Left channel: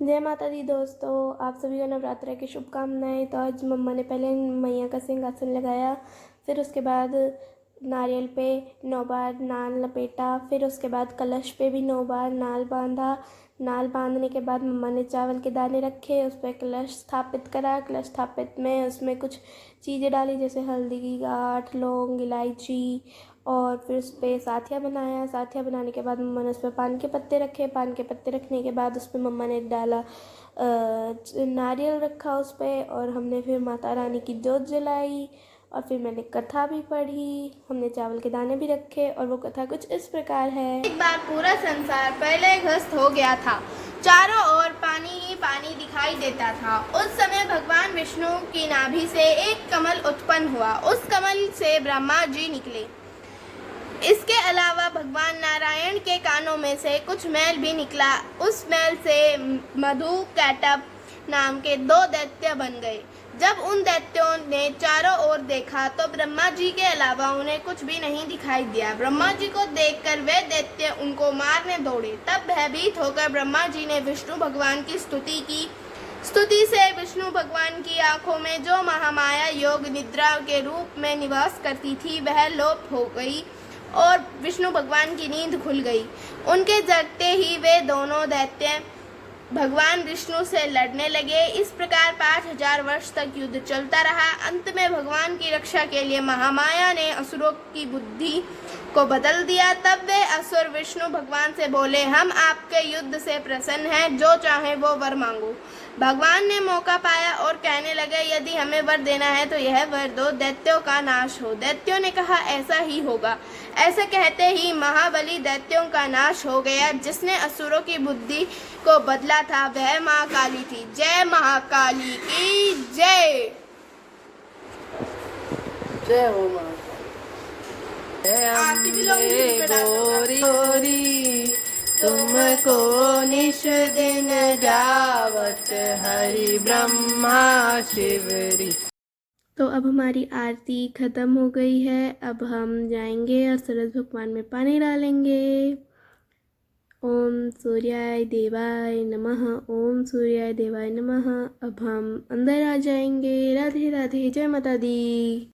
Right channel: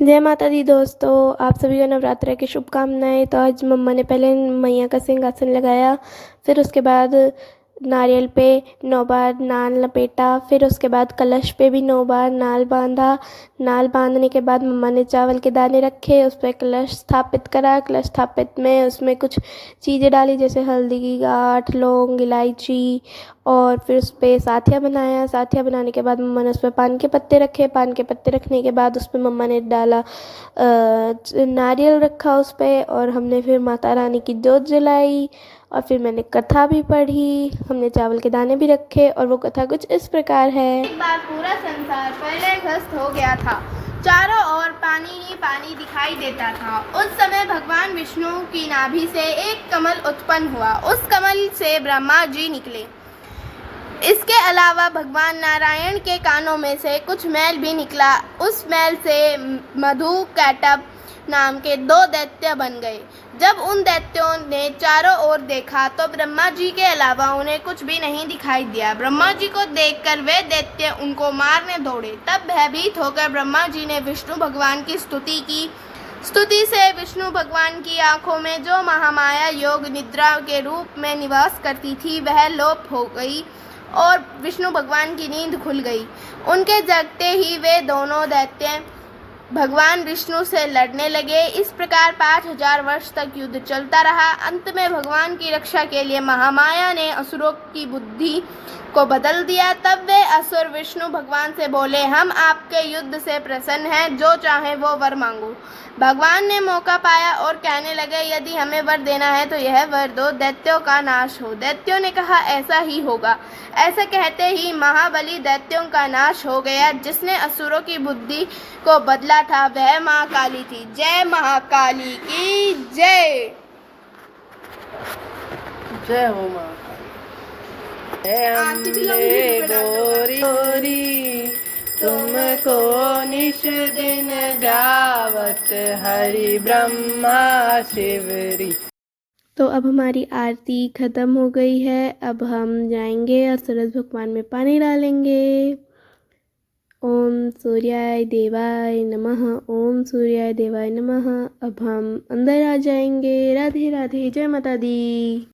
जय माता दी दोस्तों, आप सभी को नवरात्रि की शुभकामनाएं। तो आज मम्मा ने पहले मैया का सिंहासन लगाया, फिर उसके बाद नारियल पे 9 बार नाल लपेटा, फिर उसके बाद कलश पे भी 9 बार नाल बांधा। नाल बांधने के बाद मम्मा ने चावल के दाने रखे, उस पर कलश स्थापित करा। कलश स्थापित में उसमें कुछ चीज़ें डाली, जैसे हल्दी की गांठ, लौंग, इलायची, और फिर उस पर साथिया बनाया। साथिया बनाने के बाद मम्मा ने उस पर पान के पत्ते रखे। पान के पत्ते रखने के बाद उस पर मम्मा ने डाला नारियल रखा उस पर, और हमने फिर माता रानी की जोत जलाई, और फिर मैंने कथा भी पढ़ी। हमने चावल के दाने भी रखे, और वो कथा कुछ इस प्रकार है। एक बार पूरा संसार प्रलयग्रस्त हो गया था। चारों ओर पानी ही पानी दिखाई देता था। उस समय भगवान विष्णु की नाभि से एक कमल उत्पन्न हुआ। उस कमल से ब्रह्मा जी निकले। इसके अलावा भगवान नारायण के कानों में से कुछ मैल भी निकला। उस मैल से मधु कैटभ नाम के 2 दैत्य बन गए। जब उन दैत्यों ने चारों ओर देखा तो ब्रह्मा जी के अलावा उन्हें कुछ भी नहीं दिखाई दिया। ब्रह्मा जी को देखकर वे दैत्य उनको मारने दौड़े। तब भयभीत होकर ब्रह्मा जी ने विष्णु भगवान की स्तुति की। स्तुति से विष्णु भगवान की आंखों में जो महामाया योग निद्रा के रूप में निवास करती थी वह लोप हो गई और विष्णु भगवान की नींद खुल गई। उनके जगते ही वे दोनों दैत्य भगवान विष्णु से लड़ने लगे। इस प्रकार 5000 वर्ष तक युद्ध चलता रहा। अंत में भगवान की रक्षा के लिए महामाया ने असुरों की बुद्धि को बदल दिया। तब वे असुर विष्णु भगवान से बोले, हम आपके युद्ध से प्रसन्न हैं, जो चाहे वो वर मांगो। भगवान ने मौका पाया और कहने लगे, यदि हमें वर देना है तो यह वर दो, दैत्यों का नाश हो। दैत्यों ने कहा, ऐसा ही होगा। ऐसा कहते ही महाबली दैत्यों का नाश हो गया। जिसने असुरों की बुद्धि को बदला था वह माँ काली थी। जय महाकाली की जय। जय हो माँ जय अम्बे गोरी गोरी, तुमको निश दिन ध्यावत हरि ब्रह्मा शिवरी। तो अब हमारी आरती ख़त्म हो गई है। अब हम जाएंगे और सूरज भगवान में पानी डालेंगे। ओम सूर्याय देवाय नमः, ओम सूर्याय देवाय नमः। अब हम अंदर आ जाएंगे। राधे राधे, जय माता दी।